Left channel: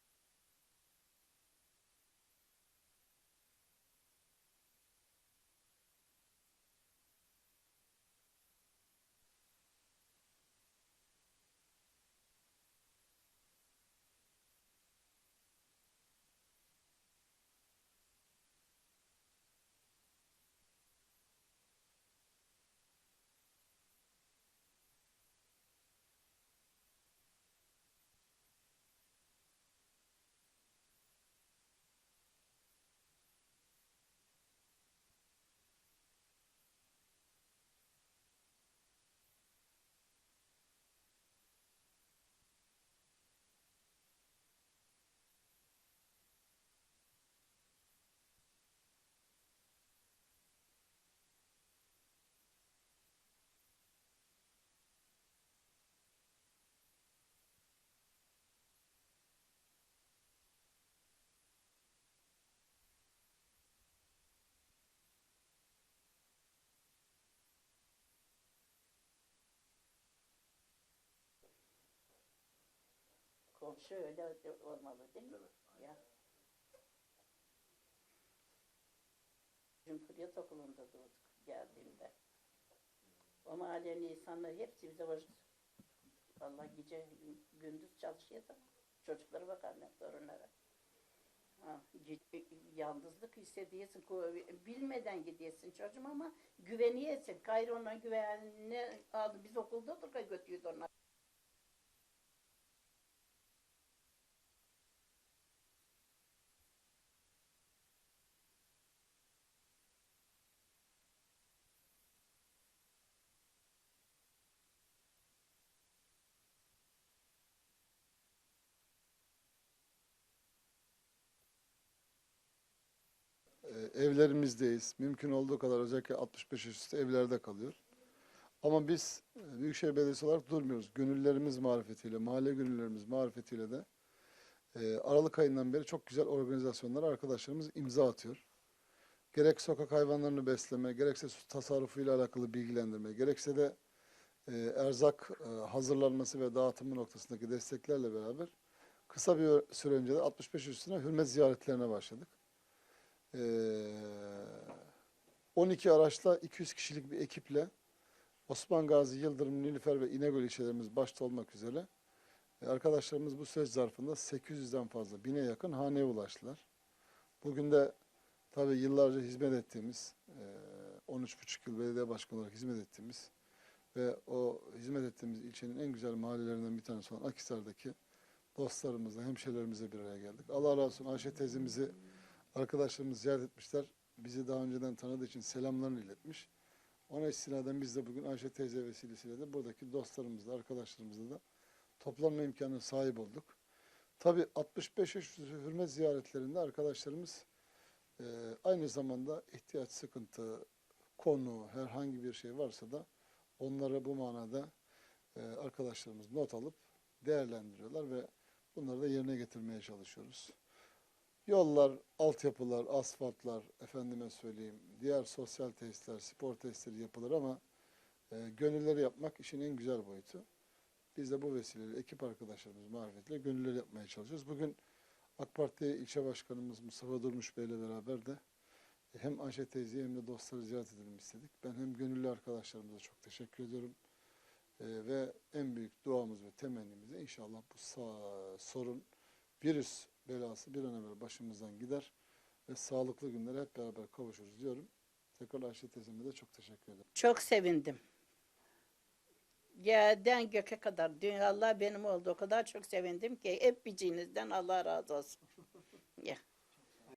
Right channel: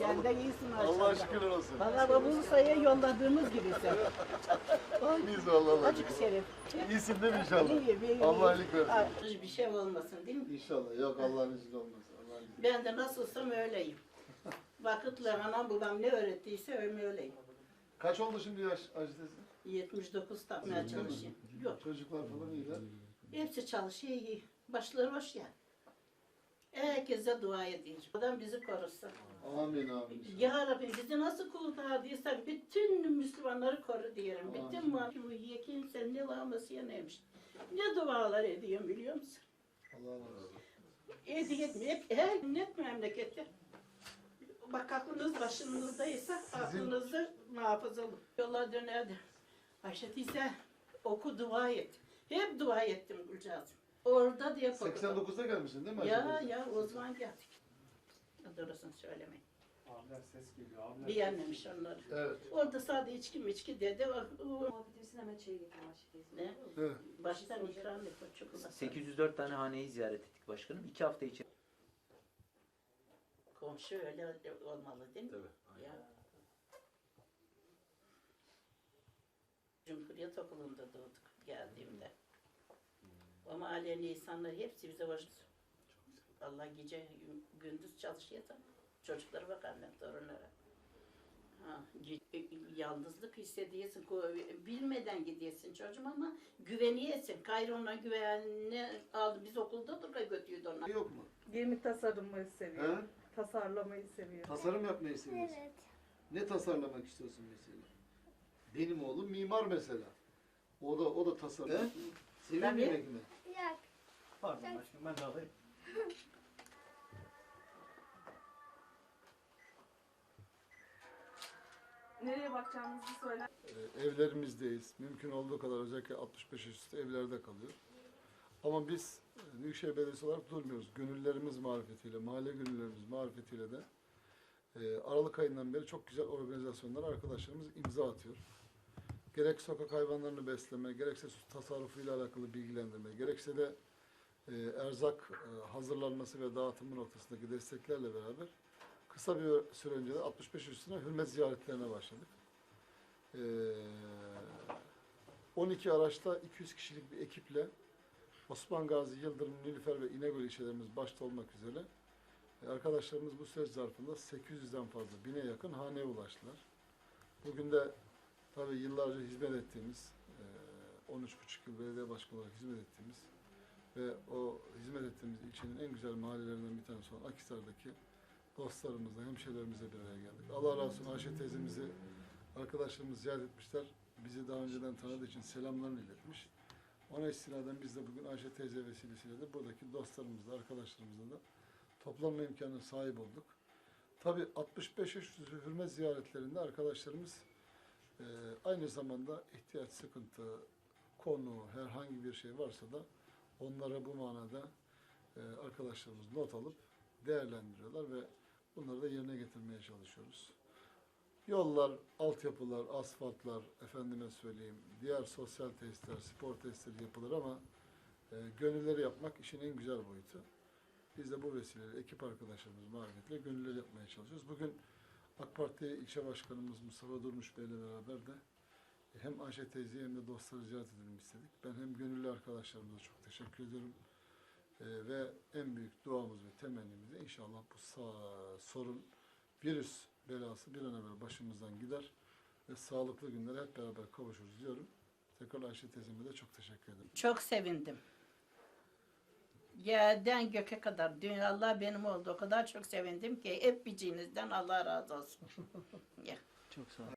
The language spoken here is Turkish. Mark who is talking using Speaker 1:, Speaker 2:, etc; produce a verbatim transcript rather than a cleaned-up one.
Speaker 1: Sen de iyisin maşallah.
Speaker 2: Allah şükürler olsun.
Speaker 1: Valla bu Bursa'ya yolladığımız gibi sen.
Speaker 2: Biz vallahi.
Speaker 1: Açık şerif.
Speaker 2: İyisin değil mi inşallah?
Speaker 1: İyi, iyi, iyi.
Speaker 2: Allah iyilik versin.
Speaker 1: Ay, Bir şey olmasın değil mi?
Speaker 2: İnşallah. Yok Allah'ın izniyle olmaz. Allah'ın izniyle.
Speaker 1: Ben de nasılsam öyleyim. Vakitle anam babam ne öğrettiyse öyleyim.
Speaker 2: Kaç oldu şimdi yaş Hacı teyze?
Speaker 1: yetmiş dokuz tapmaya çalışayım. Yok.
Speaker 2: Çocuklar falan iyiler.
Speaker 1: Hepsi çalışıyor iyi. Başları hoş ya. Herkese dua edeyim. Oradan bizi korusun.
Speaker 2: Amin amin.
Speaker 1: Ya Rabbi bizi nasıl kurtardıysa bütün Müslümanları koru diyelim. Bütün mahkumu yekin sen ne laması ya neymiş. Ne dualar ediyorum biliyor musun?
Speaker 2: Allah razı olsun.
Speaker 1: Ediyor hep her net memlekette. Bak aklınız başınızdaysa aklınızı muhafaza olun. Yola dönerdi. Ayşe teyze oku dua et. Hep dua ettim Gülcağız'ım. Orada diye korktum.
Speaker 2: seksen dokuzda gelmişsin değil mi Hacı
Speaker 1: Ya
Speaker 2: teyze?
Speaker 1: ya o zaman geldik. Doğrusunu söylemeyin.
Speaker 3: Abiler ses geliyor. Abiler.
Speaker 1: Beğenmemiş onları.
Speaker 2: Evet.
Speaker 1: Orada sadece içki miçki dedi. O, o,
Speaker 4: Muhabbetimizin hemen çayı getir Aşık
Speaker 1: ne?
Speaker 2: Evet.
Speaker 1: Baştan ikram et o çikolata.
Speaker 5: sekiz yüz dört tane haneyi ziyaret ettik başkanım. iki hafta için.
Speaker 1: Komşu öyle olmalı değil mi?
Speaker 2: Tabii.
Speaker 1: Ya. Cumhuriyet Okulu'nda doğduk geldiğimde. O mahallenin insanları hepsi bize hoş. Allah gece gündüz çalışıyor da çocuklara bakarlar, torunlara. Ha, yalnızlık hissediyorsun, bilmeden gidiyorsun çocuğum ama güveniyorsun. Kayrona güvenini aldı, biz okulda da götürüyordu onlar.
Speaker 2: Yok mu?
Speaker 4: Gemi tasarımı seviyor.
Speaker 2: He?
Speaker 4: Tasarlamayı seviyor.
Speaker 2: Tasarım yapmayı seviyorsun.
Speaker 6: Evet.
Speaker 2: Ne tasarlamak istiyorsun mesela? Benim oğlum mimar mesela. O da o da tasarım. He? Seviyor
Speaker 1: Tabii.
Speaker 2: yemek mi?
Speaker 6: Yok.
Speaker 3: Pardon başkanım ben de alayım.
Speaker 4: Nereye bakacağımızı söyler.
Speaker 7: Ee, evlerimizdeyiz. Mümkün olduğu kadar özellikle altmış beş yaş üstü evlerde kalıyor. Ama biz e, Büyükşehir Belediyesi olarak durmuyoruz. Gönüllerimiz marifetiyle, mahalle gönüllerimiz marifetiyle de e, Aralık ayından beri çok güzel organizasyonlara arkadaşlarımız imza atıyor. Gerek sokak hayvanlarını besleme, gerekse su tasarrufuyla alakalı bilgilendirme, gerekse de e, erzak e, hazırlanması ve dağıtımı noktasındaki desteklerle beraber kısa bir süre önce de altmış beş üstüne hürmet ziyaretlerine başladık. Ee, on iki araçla iki yüz kişilik bir ekiple Osman Gazi, Yıldırım, Nilüfer ve İnegöl ilçelerimiz başta olmak üzere e, arkadaşlarımız bu süreç zarfında sekiz yüzden fazla, bine yakın haneye ulaştılar. Bugün de tabii yıllarca hizmet ettiğimiz, e, on üç buçuk yıl belediye başkanı olarak hizmet ettiğimiz ve o hizmet ettiğimiz ilçenin en güzel mahallelerinden bir tanesi olan Akhisar'daki dostlarımızla, hemşehrilerimizle bir araya geldik. Allah razı olsun Ayşe teyzemizi arkadaşlarımız ziyaret etmişler. Bizi daha önceden tanıdığı için selamlarını iletmiş. Ona istinaden biz de bugün Ayşe teyze vesilesiyle de buradaki dostlarımızla, arkadaşlarımızla da toplanma imkanına sahip olduk. Tabii altmış beş yaş üstü hürmet ziyaretlerinde arkadaşlarımız e, aynı zamanda ihtiyaç, sıkıntı, konu, herhangi bir şey varsa da onlara bu manada e, arkadaşlarımız not alıp değerlendiriyorlar ve bunları da yerine getirmeye çalışıyoruz. Yollar, altyapılar, asfaltlar, efendime söyleyeyim, diğer sosyal tesisler, spor tesisleri yapılır ama e, gönülleri yapmak işin en güzel boyutu. Biz de bu vesileyle ekip arkadaşlarımız marifetle gönülleri yapmaya çalışıyoruz. Bugün AK Parti ilçe başkanımız Mustafa Durmuş Bey ile beraber de hem Ayşe teyzeyi hem de dostları ziyaret edelim istedik. Ben hem gönüllü arkadaşlarımıza çok teşekkür ediyorum. Ee, ve en büyük duamız ve temennimiz de inşallah bu sa- sorun, virüs belası bir an evvel başımızdan gider ve sağlıklı günlere hep beraber kavuşuruz diyorum. Tekrar Ayşe teyzeme de çok teşekkür ederim.
Speaker 1: Çok sevindim. Yerden göke kadar dünya Allah benim oldu. O kadar çok sevindim ki hep bicinizden Allah razı olsun. Ya.
Speaker 5: Çok sağ olun.